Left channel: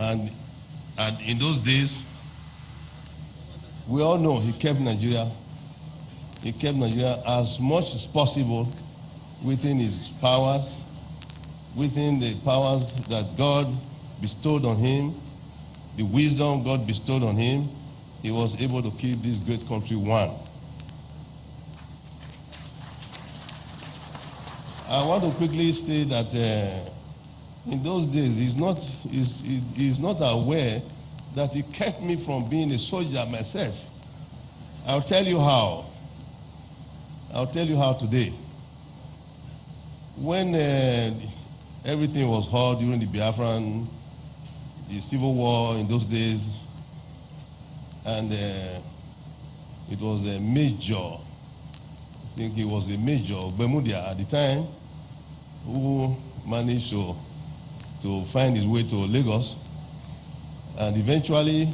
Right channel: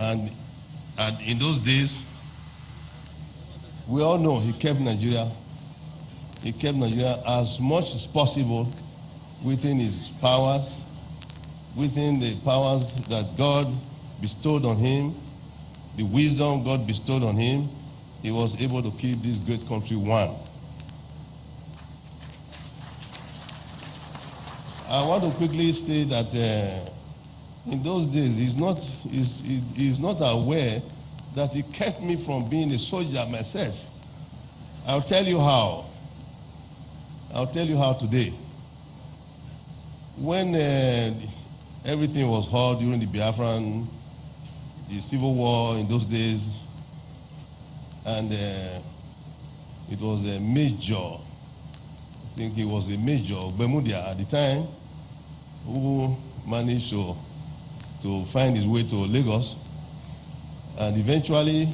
And in those days, we all know he kept Nigeria as much as possible within his powers, within the powers that God bestowed on him, the wisdom God bestowed on him. He was able to keep this great country one. I want to quickly state that in those days, he's not aware that he kept me from being a soldier myself. I'll tell you how. I'll tell you how today. When everything was hot during the Biafran, the Civil War in those days, and it was a major, I think he was a major, Bermudia at the time, who managed to find his way to Lagos, and eventually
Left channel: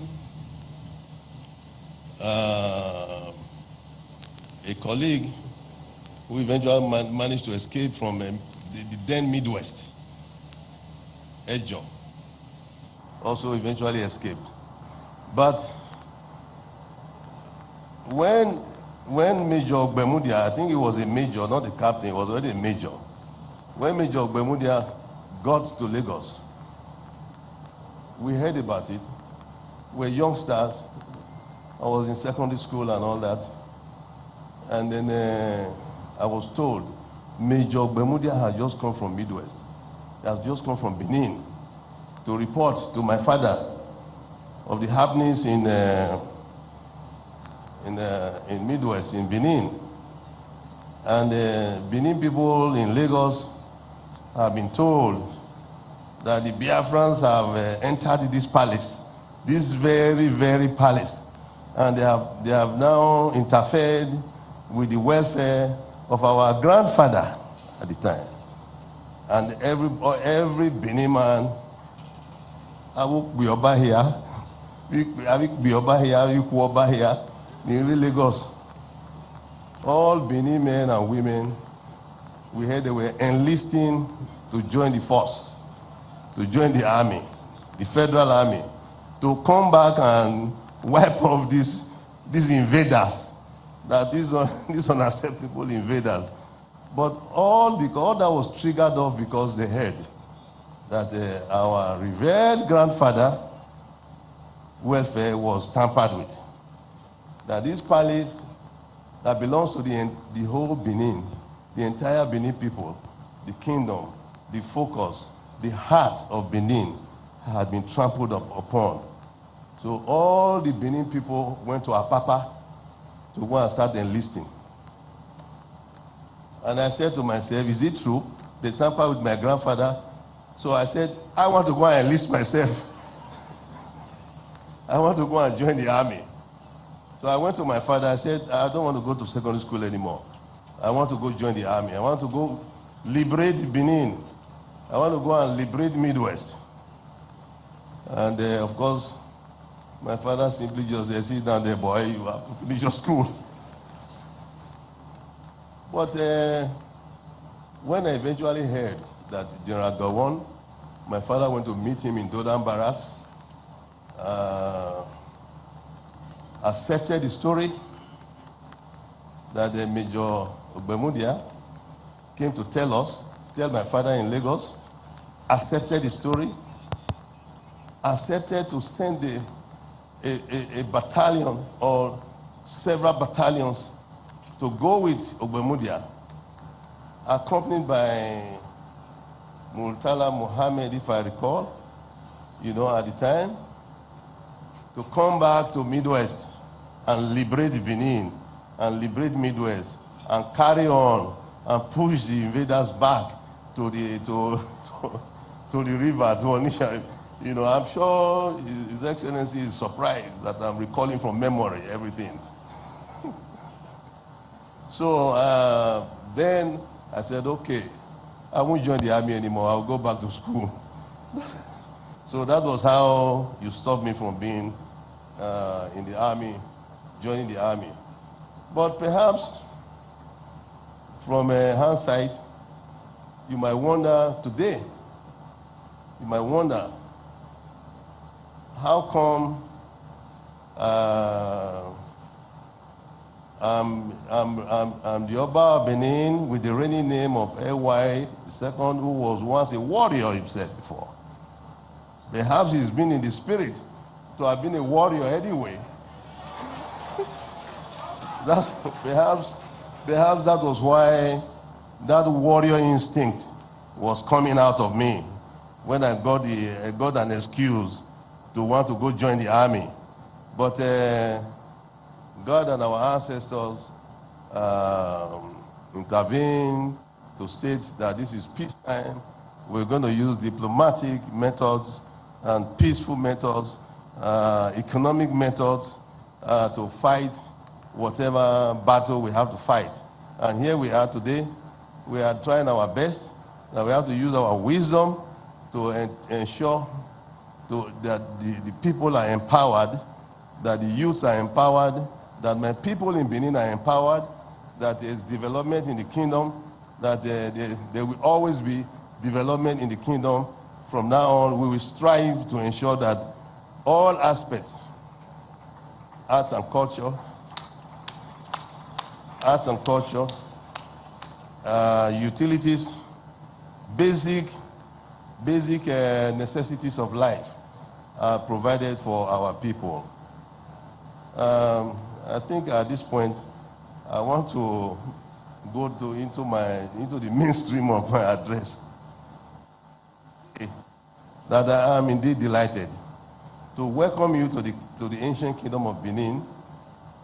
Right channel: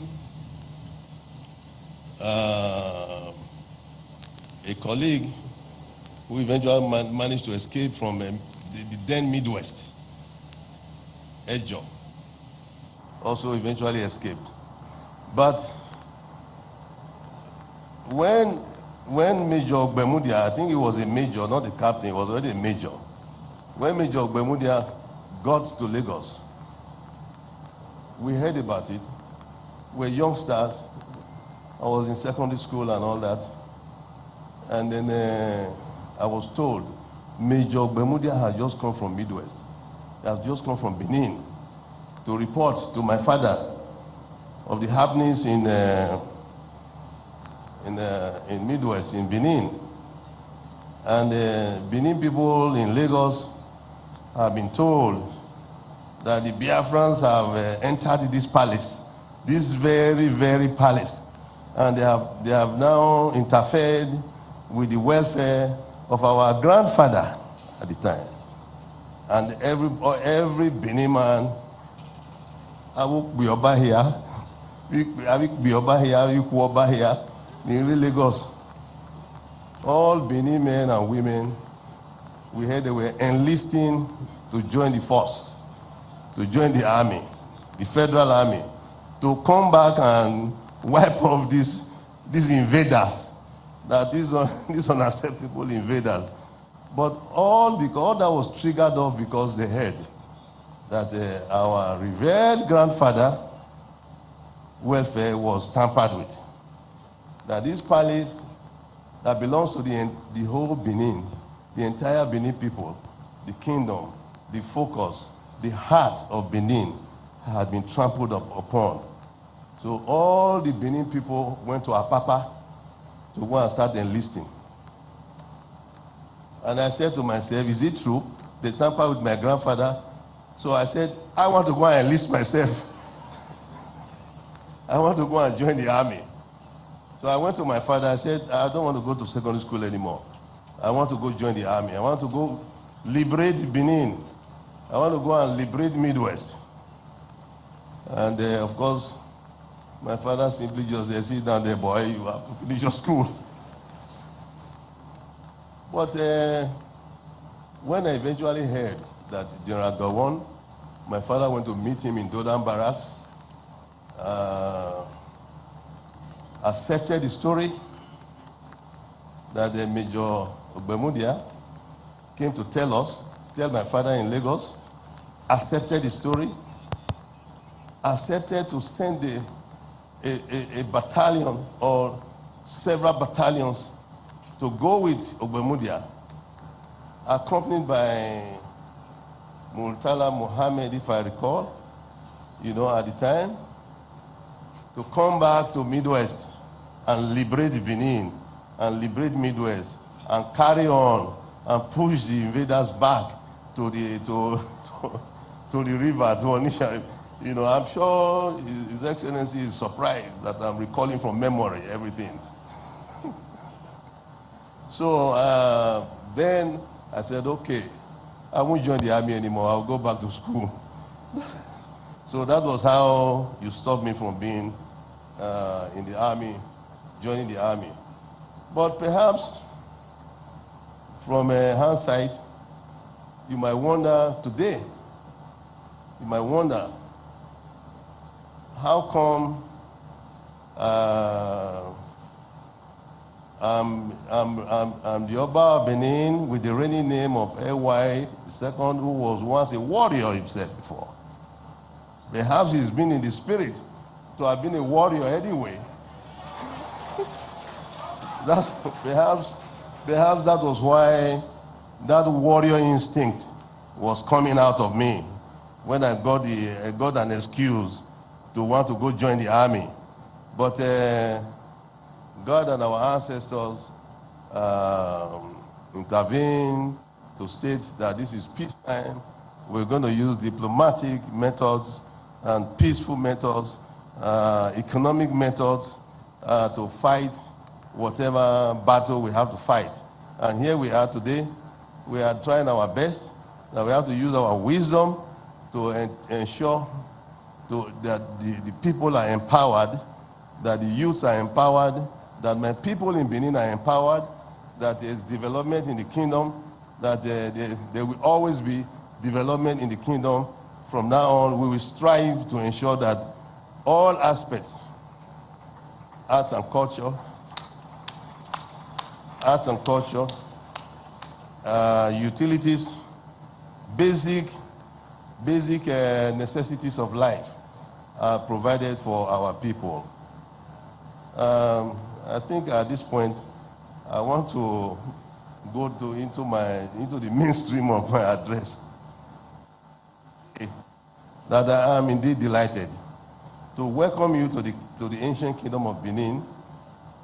a colleague who eventually managed to escape from the then Midwest, Ejo, also eventually escaped. But when Major Bermudia, I think he was a major, not a captain, he was already a major. When Major Bermudia got to Lagos, we heard about it. We were youngsters. I was in secondary school and all that. And then I was told Major Bermudia had just come from Midwest. He has just come from Benin to report to my father of the happenings in Midwest, in Benin. And Benin people in Lagos have been told that the Biafrans have entered this palace, this very, very palace, and they have now interfered with the welfare of our grandfather at the time. And every Benin man, I will be over here, I will be over here, you will over here, in Lagos. All Benin men and women, we heard they were enlisting to join the force, to join the army, the federal army, to come back and wipe off these invaders, that these unacceptable invaders. But all that was triggered off because they heard that our revered grandfather welfare was tampered with. That this palace that belongs to the whole Benin, the entire Benin people, the kingdom, the focus, the heart of Benin had been trampled upon. So all the Benin people went to Apapa to go and start enlisting. And I said to myself, is it true? They tampered with my grandfather. So I said, I want to go and enlist myself. I want to go and join the army. So I went to my father. I said, I don't want to go to secondary school anymore. I want to go join the army. I want to go liberate Benin. I want to go and liberate Midwest. And of course, my father simply just said, sit down there, boy, you have to finish your school. But when I eventually heard that General Gowon, my father went to meet him in Dodan Barracks, accepted the story that Major Bermudia came to tell my father in Lagos, accepted the story, accepted to send a battalion or several battalions to go with Bermudia, accompanied by Murtala Mohammed, if I recall, at the time, to come back to Midwest and liberate Benin and liberate Midwest and carry on and push the invaders back to the river, to Onisha. I'm sure His Excellency is surprised that I'm recalling from memory everything. So then I said, okay, I won't join the army anymore. I'll go back to school. So that was how you stopped me from being in the army, joining the army. But perhaps from hindsight, you might wonder today, how come I'm the Oba of Benin with the reigning name of A.Y. II, who was once a warrior himself before. Perhaps he's been in the spirit to have been a warrior anyway. Perhaps that was why that warrior instinct was coming out of me when I got an excuse to want to go join the army. But God and our ancestors intervened to state that this is peacetime. We're going to use diplomatic methods and peaceful methods, economic methods to fight whatever battle we have to fight. And here we are today. We are trying our best. That we have to use our wisdom to ensure that the people are empowered, that the youths are empowered, that my people in Benin are empowered, that there is development in the kingdom, that there will always be development in the kingdom. From now on, we will strive to ensure that all aspects, arts and culture, utilities, basic necessities of life are provided for our people. I think at this point, I want to go into the mainstream of my address. That I am indeed delighted to welcome you to the ancient kingdom of Benin,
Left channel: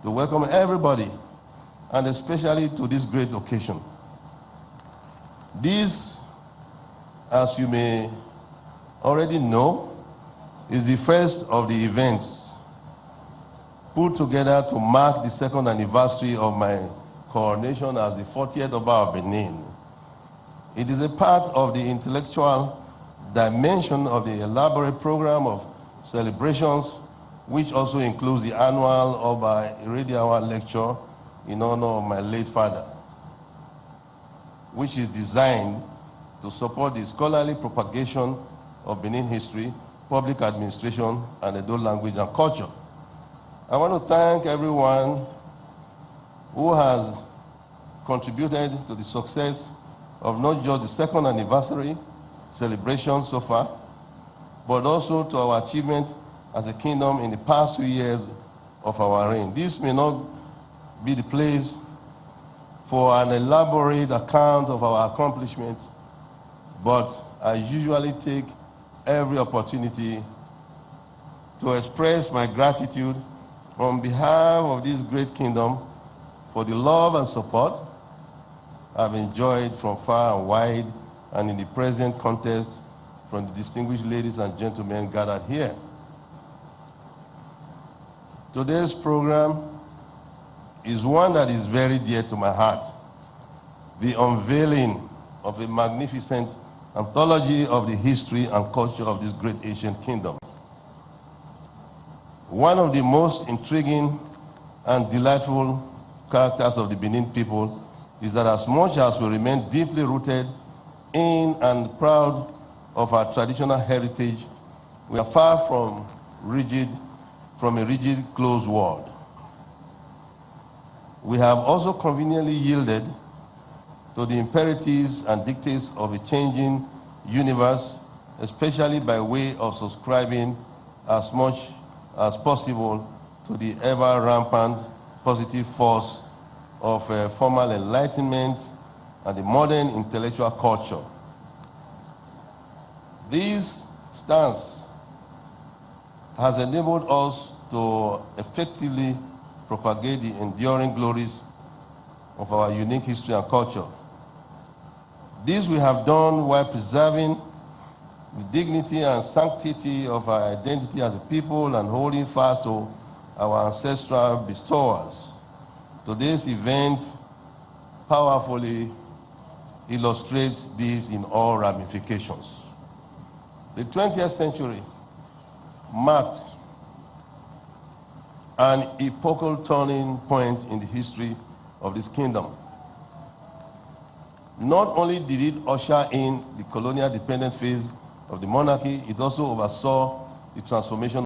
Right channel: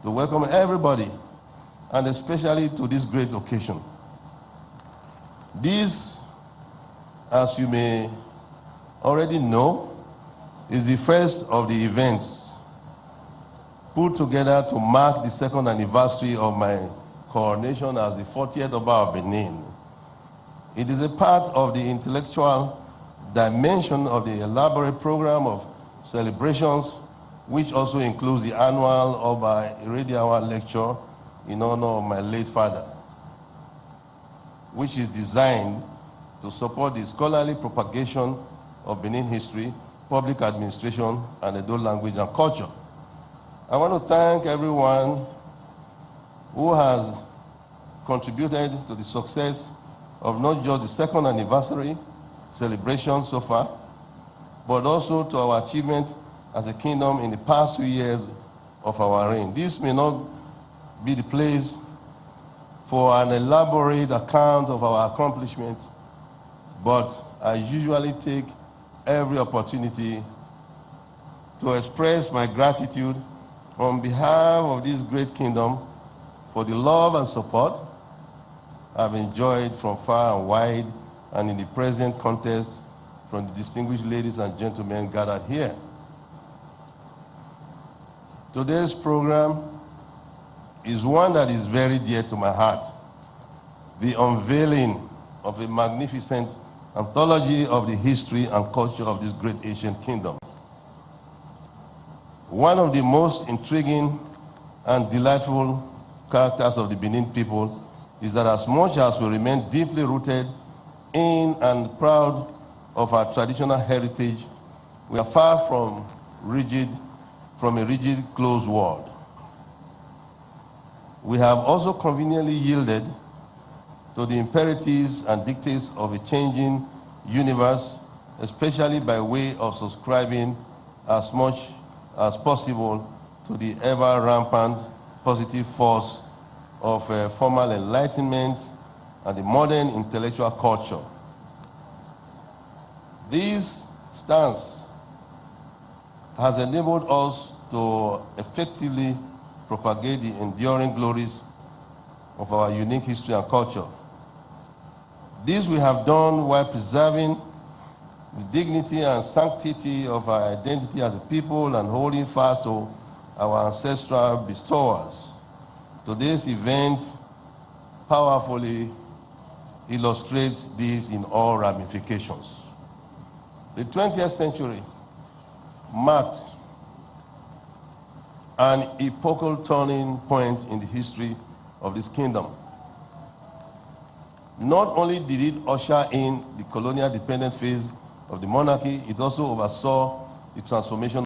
to welcome everybody, and especially to this great occasion. This, as you may already know, is the first of the events put together to mark the second anniversary of my coronation as the 40th Oba of Benin. It is a part of the intellectual dimension of the elaborate program of celebrations, which also includes the annual Oba Irediawa lecture in honor of my late father, which is designed to support the scholarly propagation of Benin history, public administration, and Edo language and culture. I want to thank everyone who has contributed to the success of not just the second anniversary celebration so far, but also to our achievement as a kingdom in the past few years of our reign. This may not be the place for an elaborate account of our accomplishments, but I usually take every opportunity to express my gratitude on behalf of this great kingdom for the love and support I've enjoyed from far and wide, and in the present context from the distinguished ladies and gentlemen gathered here. Today's program is one that is very dear to my heart: the unveiling of a magnificent anthology of the history and culture of this great ancient kingdom. One of the most intriguing and delightful characters of the Benin people is that as much as we remain deeply rooted in and proud of our traditional heritage, we are far from a rigid, closed world. We have also conveniently yielded to the imperatives and dictates of a changing universe, especially by way of subscribing as much as possible to the ever-rampant positive force of formal enlightenment and the modern intellectual culture. This stance has enabled us to effectively propagate the enduring glories of our unique history and culture. This we have done while preserving the dignity and sanctity of our identity as a people and holding fast to our ancestral bestowers. Today's event powerfully illustrates this in all ramifications. The 20th century marked an epochal turning point in the history of this kingdom. Not only did it usher in the colonial dependent phase of the monarchy, it also oversaw the transformation